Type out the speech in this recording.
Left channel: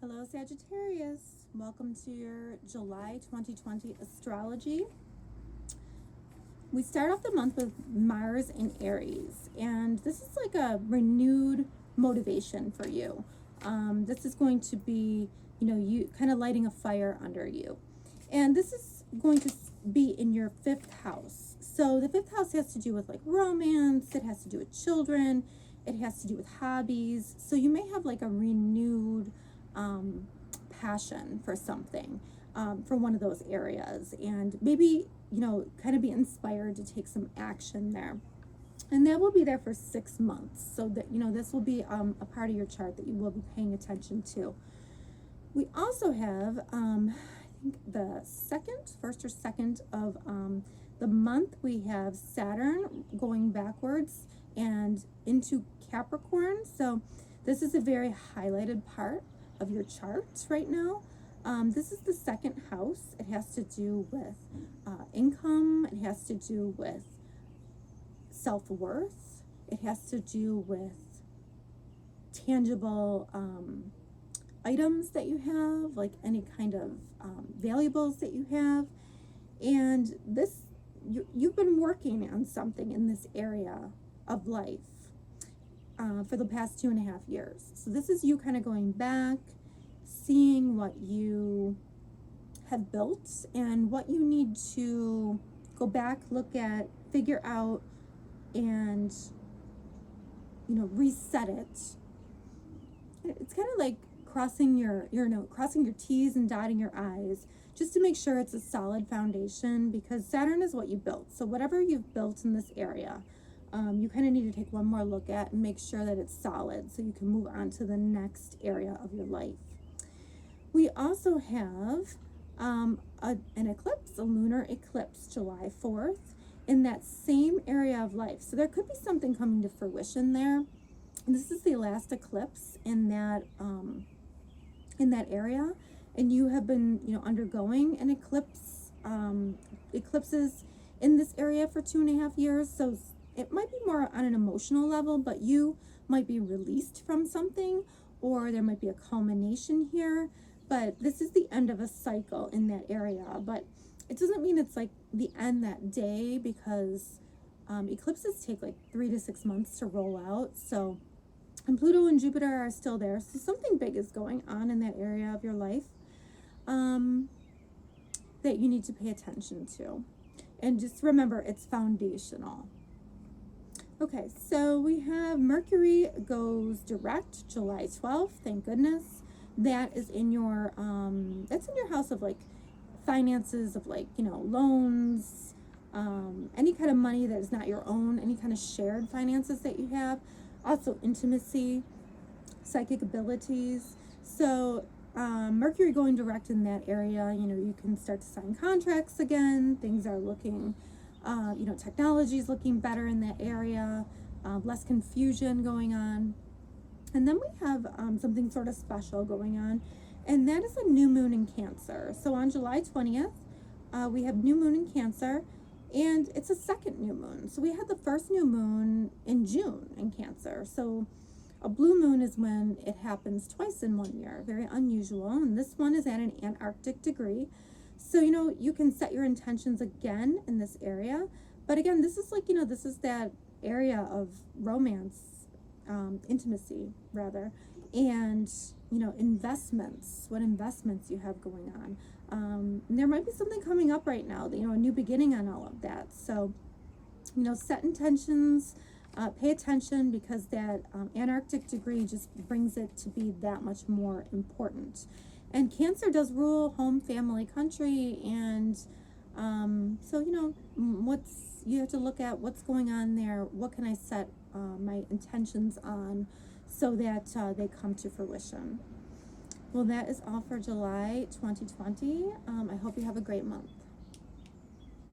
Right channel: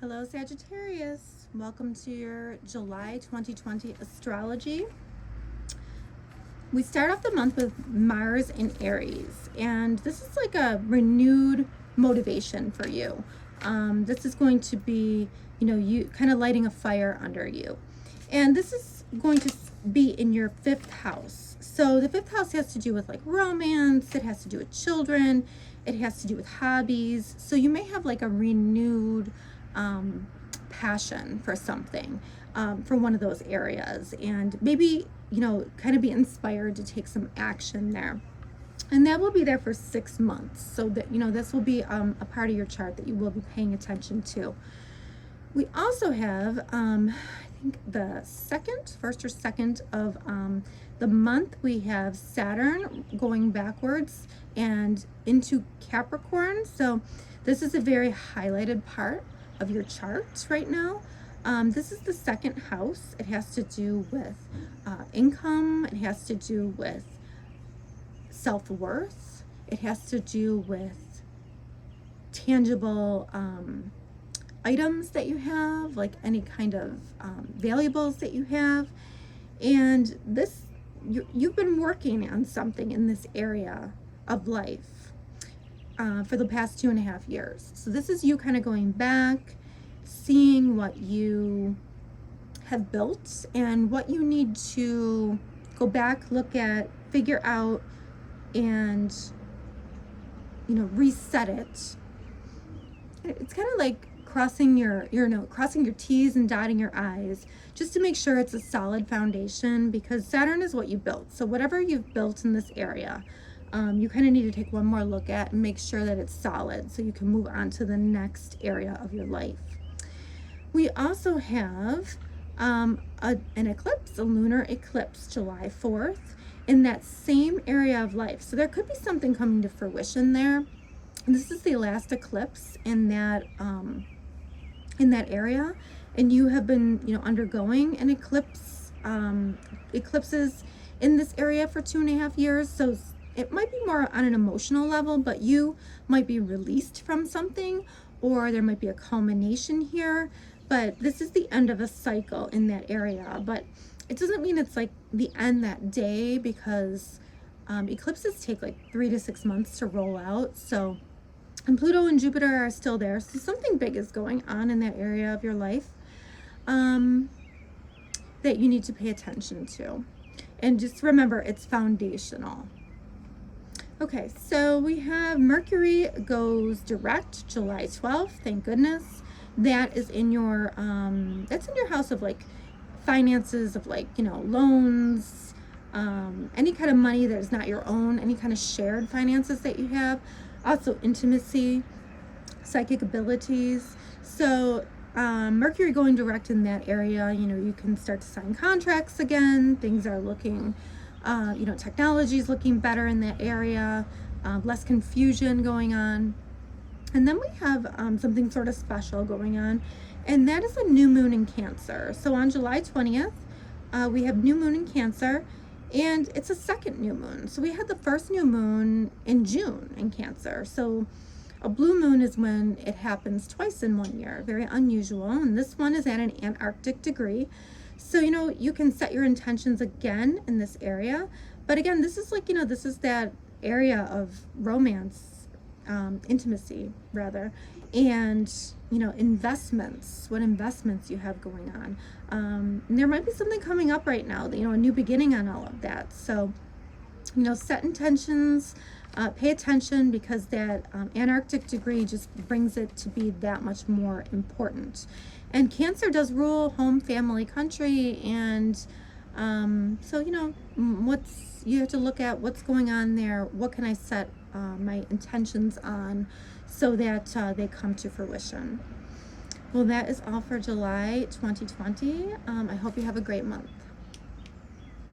Hello Sagittarius, welcome to your July 2020 astrology. We start off the month with Mars in Aries, and this is like a renewed motivation for you. This is going to be, you kind of lighting a fire under you. And this is going to be in your fifth house. So the fifth house has to do with like romance, it has to do with children, it has to do with hobbies. So you may have like a renewed passion for something, for one of those areas, and maybe kind of be inspired to take some action there, and that will be there for 6 months. So that this will be a part of your chart that you will be paying attention to. We also have I think the first or second of the month, we have Saturn going backwards and into Capricorn. So this is a very highlighted part of your chart right now. This is the second house. It has to do with income. It has to do with self-worth. It has to do with tangible items that you have, like any kind of valuables that you have. And this, you've been working on something in this area of life for the past 2.5 years. So this is you kind of going back, seeing what you have built and what you need to go back, look at, figure out, and reset it. It's kind of like crossing your T's and dotting your I's, just to make sure it's a solid foundation, because Saturn is what you built. So whatever you've built in this area, you kind of need to take one more look at and make sure that it's solid so you can move on to the next area of your life. We also have an eclipse, a lunar eclipse, July 4th, in that same area of life. So there could be something coming to fruition there. And this is the last eclipse in that area, and you have been undergoing an eclipses in this area for 2.5 years. So it might be more on an emotional level, but you might be released from something, or there might be a culmination here. But this is the end of a cycle in that area. But it doesn't mean it's like the end that day, because eclipses take like 3 to 6 months to roll out. So, and Pluto and Jupiter are still there. So something big is going on in that area of your life that you need to pay attention to. And just remember, it's foundational. Okay, so we have Mercury goes direct July 12th. Thank goodness. That is in your that's in your house of like finances, of like loans, any kind of money that is not your own, any kind of shared finances that you have. Also intimacy, psychic abilities. So Mercury going direct in that area, you can start to sign contracts again. Things are looking technology is looking better in that area, less confusion going on. And then we have something sort of special going on, and that is a new moon in Cancer. So on July 20th, we have new moon in Cancer, and it's a second new moon. So we had the first new moon in June in Cancer. So a blue moon is when it happens twice in 1 year, very unusual. And this one is at an Antarctic degree. So, you can set your intentions again in this area. But again, this is like, this is that area of romance, intimacy rather, and, investments, what investments you have going on. And there might be something coming up right now, a new beginning on all of that. So, set intentions, pay attention, because that Antarctic degree just brings it to be that much more important. And Cancer does rule home, family, country, and so you have to look at what's going on there. What can I set my intentions on so that they come to fruition? Well, that is all for July 2020. I hope you have a great month.